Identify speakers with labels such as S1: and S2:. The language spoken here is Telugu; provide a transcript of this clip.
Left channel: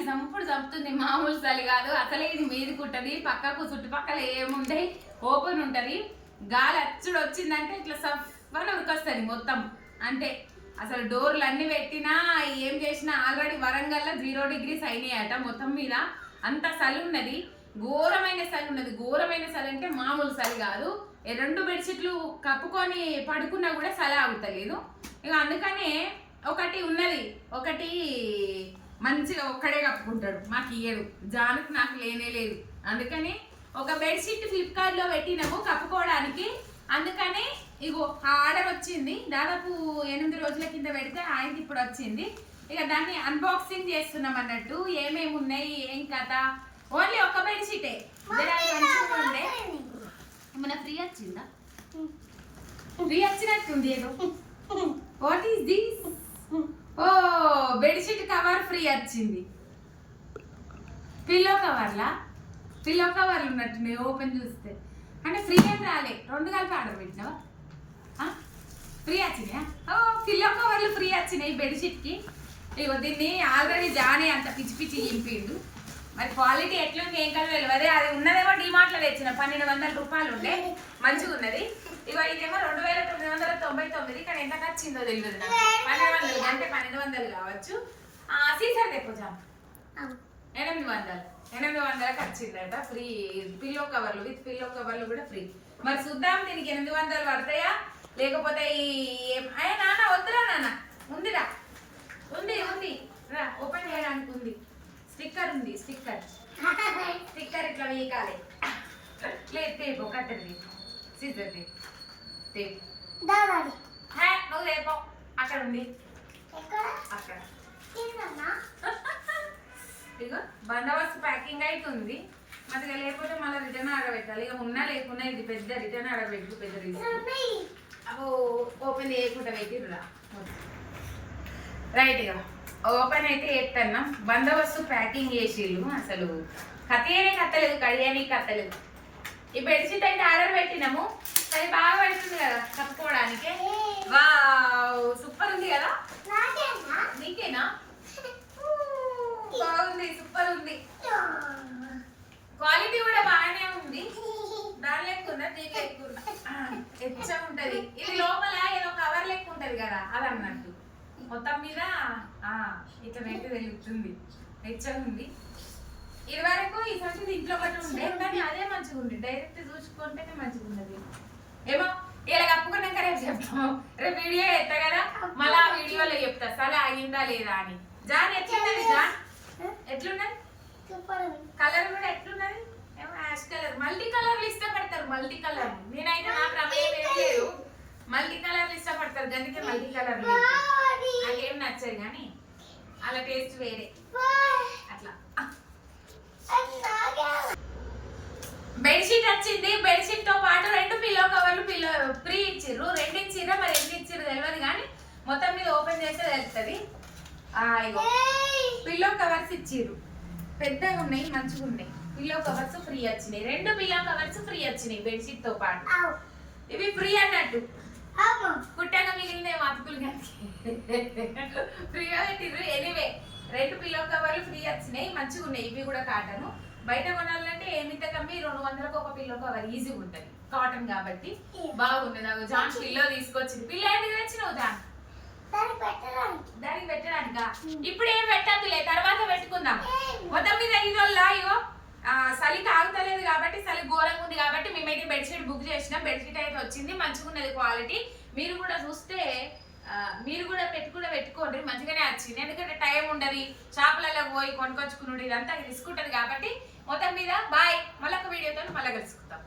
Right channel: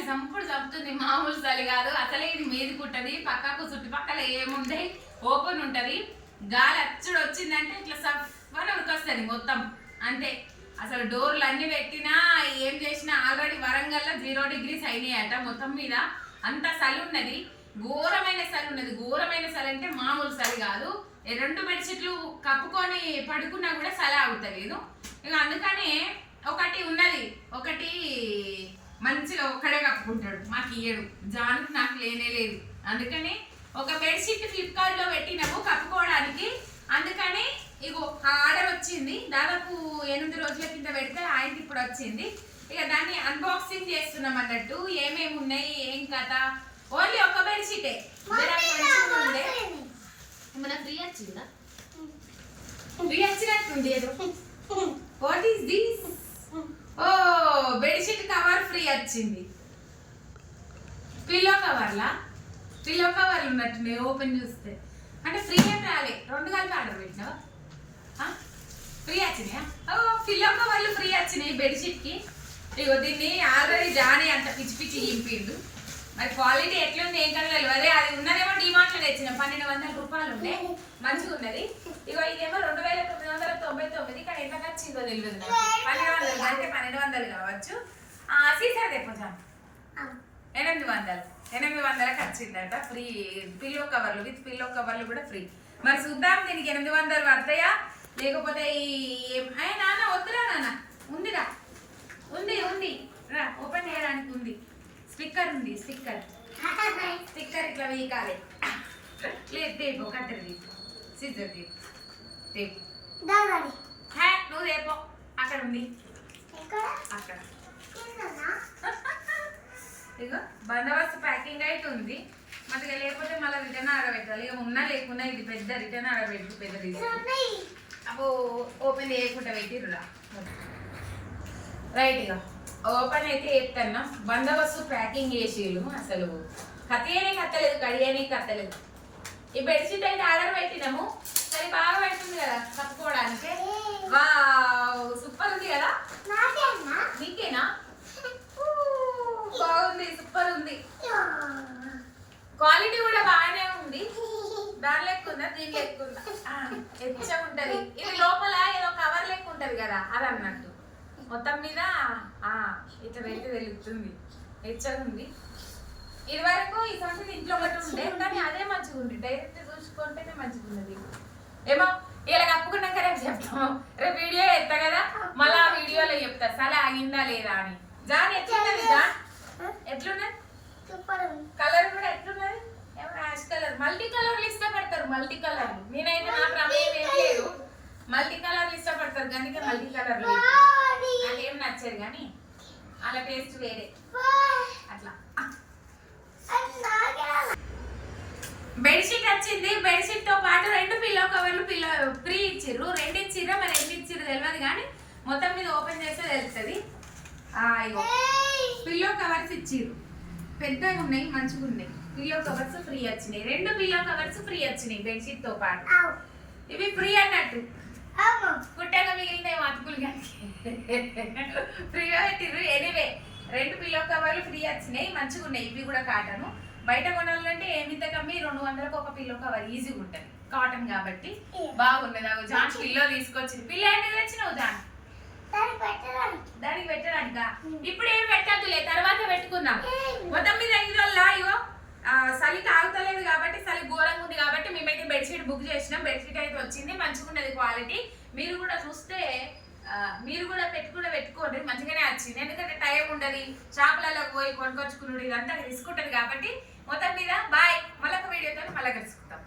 S1: చంపుడు చంపుతుంది మామూలు చలి కాదు. అసలే ఇది మీది ఉంటది పక్కకు చుట్టుపక్కల ఏముంటాయి ఓపెన్ ఉంటుంది. గాలి అచ్చుడు వచ్చిందంటే ఇట్లా సఫ్ఫని ఉరికొస్తుంది మొత్తం. అంతే. అసలు డోర్లు అన్ని పెట్టినా ఏం చేసినా ఆల్రెడీ వరంగల్లో జీరో డిగ్రీస్ అయినాయట మొత్తం మీద. అంత చలి ఉన్నది. ఘోరమైన చలి ఉన్నది. ఘోరమైన చలి అంటే మామూలు చలి కాదు. రెండు బెడ్షీట్లు కప్పుకొని పడుకున్నా కూడా చలి ఆగుతలేదు. ఇక అందుకనే ఒకటి ఉన్నది. ఒకటి మంచిగా ఒక్కడే కప్పుకుంటాడు. మాకు ఇయ్యడు. జానుకు నాకు లేనే లేదు. అందుకని ఒక బెడ్షీట్ ఫ్లిప్కార్ట్లో పెట్టినాము కప్పుకోవడానికి. అందుకని ఇగో ఆర్డర్ వచ్చింది. దాదాపు ఎనిమిది రోజుల కింద పెడితే ఆయనకి ఇప్పుడు వచ్చింది. ఇక దాన్ని అన్బాక్సింగ్ చేస్తున్నాం అన్నట్టు. ఏమేమి ఉన్నాయి? ఏం కథ? ఓన్లీ ఒక బెడ్షీటే ఉండే. మన ఫ్రీ వచ్చిందా? ఫ్రీ వచ్చినట్టుంది ఏదో. What is this oh bedsheet cover free వచ్చింది. పిల్లో కవర్లా పిల్లో కవర్లు ఉన్నట్టున్నాయి ఓపెన్ చూస్తే. అంటే ఫ్రీ ఏం రాలే. రెండు కలిపి ఆర్డర్ పెట్టినావా? ఫ్రీ వచ్చినాయా? ఓ పిల్లో కవర్లు ఫ్రీ వచ్చినాయి బెడ్షీట్కి ఇగో దీన్ని ఆల్రెడీ జానే అంత పిచ్చి పిచ్చి ఇంపిండు మరి క్వాలిటీ ఎట్లుంది ఏం కదా తెలియదు అది ఉన్నదేమో డిమార్ట్లో తెచ్చిన. పన్నెండు వందల రూపాయలు ఉండే. మంచిగా ఉన్నది. ఇగో ఇదేమో రెండు వేల తొమ్మిది వందల తొంభై తొమ్మిది. కానీ ఎంత వచ్చిందో తెలియదు పన్నెండు వందలు అంటే పన్నెండు వందలు కావచ్చు. ఆ, సీసార్ ఎనిమిది వందలు. ఎనిమిది వందలకు వచ్చిందట. ఫ్రీ పిల్లో కవర్లు విత్ పిల్లో కవర్లు కూడా ఫ్రీ. మరి చూద్దాం దీనికి ఎనిమిది వందలు పడతాయా? లేకపోతే ఈ ఏం- అయ్యా నాన్న వద్దురా నాన్న. ఉందిరా ఉంది ఉంది రా ఓపెన్ చేయడానికి ఉంది స్టిక్కర్ ఉంది స్టిక్కర్ స్టిక్కర్ ఇట్లా వీకాలి. లేదు తేపు కత్తెర తీపు. సిద్ధర్ తీపు. తేపు.
S2: దాదాడి
S1: హే నువ్వు తేపో. అక్కడ ఉంది. అక్కడ. ఇగో బందోబస్తు ప్యాకింగ్ అయితే ఉంది. మరి లేకపోతే మళ్ళీ రిటర్న్ ఆడబెట్టాలి. ఇక ఉన్నా లేకున్నా ఇది పెద్ద రిటర్న్ ఆడబెట్టి పెద్ద అబ్బో ఓపెన్ చేయకుండా పెట్టిర్రురా. రైట్ ఇక ఓపెన్ అయితే చెప్తాను బందోబస్తు ప్యాకింగ్ చేసిళ్ళు. అసలు కత్తియనే కత్తలేదు కడియనే కత్తలేదు ఈ బెడ్షీట్ అయితే ఆర్డర్ పెట్టినాము. అది బాగా పెడుతుంది కదా కప్పుకోవడానికి. వావ్ సూపర్ ఉంది కదా?
S2: నాకేనా?
S1: బాగుంది సూపర్ ఉంది. క్వాలిటీ కూడా బాగానే ఉంది. దాని లెక్క ఉందా? దీని లెక్క ఉందా? ఎచ్చ ఉంటది ఇది లోపల ఏదో కవర్ లెక్క ఉంటది కదా అది అన్నట్టు. మొత్తం మీద ఆ ఇట్లా పెట్టి వెలుగుతుంది ఎచ్చగా ఉంది ఇది వరకు ఈ సంగతి ఇంట్లో ఒకటి ఉండే కానీ అదే మంచిగా ఉంది డైరెక్ట్ చూసుకుంటేనే మంచిగా ఉన్నది ఏమో ఇలా కప్పుకున్నాక రేపు చెప్తాము. రేపు వీడియో ఎత్తా కదా మళ్ళీ ఆ వీడియోలో చెప్తా. సరే ఆగిందా లేదా అని. జాన్ ఎట్లున్నది జాన్? ఎట్లున్నది? కలర్ కూడా ఎట్లున్నది? ఏమో యాష్ కలర్. మల్టీ కలర్లు ఇష్టపడతారు మల్టీ కలర్ నేనైతే నా ప్రమేయం ఏం లేదు. మల్టీ కలర్లు ఇష్టపడతారు అందుకే మల్టీ కలర్లు నాకేం నచ్చదు కానీ అలా టేస్ట్ వేరే. అట్లా. బెడ్షీట్ వచ్చింది. బెడ్షీట్తో పాటు రెండు పిల్లో కవర్లు పిల్లో ఫ్రీ ఇచ్చిర్రు. రెండు ఇచ్చిర్రు మరి ఎంత ఇచ్చిర్రు తెలియదు కానీ మొత్తం మీద ఓపెన్ చేస్తే తెలుస్తుంది ఇగో. పిల్లో కవర్స్ ఇచ్చిర్రు. పెద్దగా ఉన్నాయి మంచిగా ఉన్నాయి. పిల్లో కవర్స్ ఫ్రీ వచ్చినాయి. రెండు పిల్లో కవర్స్ ఫ్రీ వచ్చినాయి బెడ్షీట్తో పాటు. ఇవి ఫ్రీ అన్నట్టు. కుట్టగా మిగిలిన ఫ్రీగా పెట్టిర్రు. ఎనీవే రెండు పిల్లో కవర్లు ఫ్రీ వచ్చినాయి. మంచిగా ఉన్నాయి. ఇవి కూడా కాటన్ బయట కొనాలంటే ఏమింత కమ్మి? రెండు వందలకు ఒక పిల్లో కవర్ ఈజీగా ఉంటుంది. కాటన్ కాబట్టి. బాగున్నది జాన్ పిల్లో తీసుకొచ్చింది. పిల్ల ఏంటి తెచ్చినావు జాన్ దానికి పెట్టడానిక. ఇప్పుడు ఏం పెట్టద్దులే? తర్వాత పెట్టుకుందాం. మొత్తం మీద ఈ వల్ల ఇగో ఆ, చలి తాగుతలేదు కాబట్టి చలి ఘోరంగా ఉంది కాబట్టి మేమైతే బెడ్షీట్ బుక్ చేసినాం. బెడ్షీట్ అయితే వచ్చింది. మంచిగా ఉన్నది క్వాలిటీ మీరు కూడా చూస్తే మీరు కూడా పెట్టుకుంటే పెట్టుకోండి మంచిగానే వచ్చింది. ఎందుకంటే టైం ఉండదు షాపులలో పోయి కొనుకొచ్చుకున్నాడు ఇదంతా రిస్క్ ఉంటుంది కాబట్టి మొత్తం మీద బాయ్ మళ్ళొక వీడియోతో మళ్ళీ కలుసుకుంటాం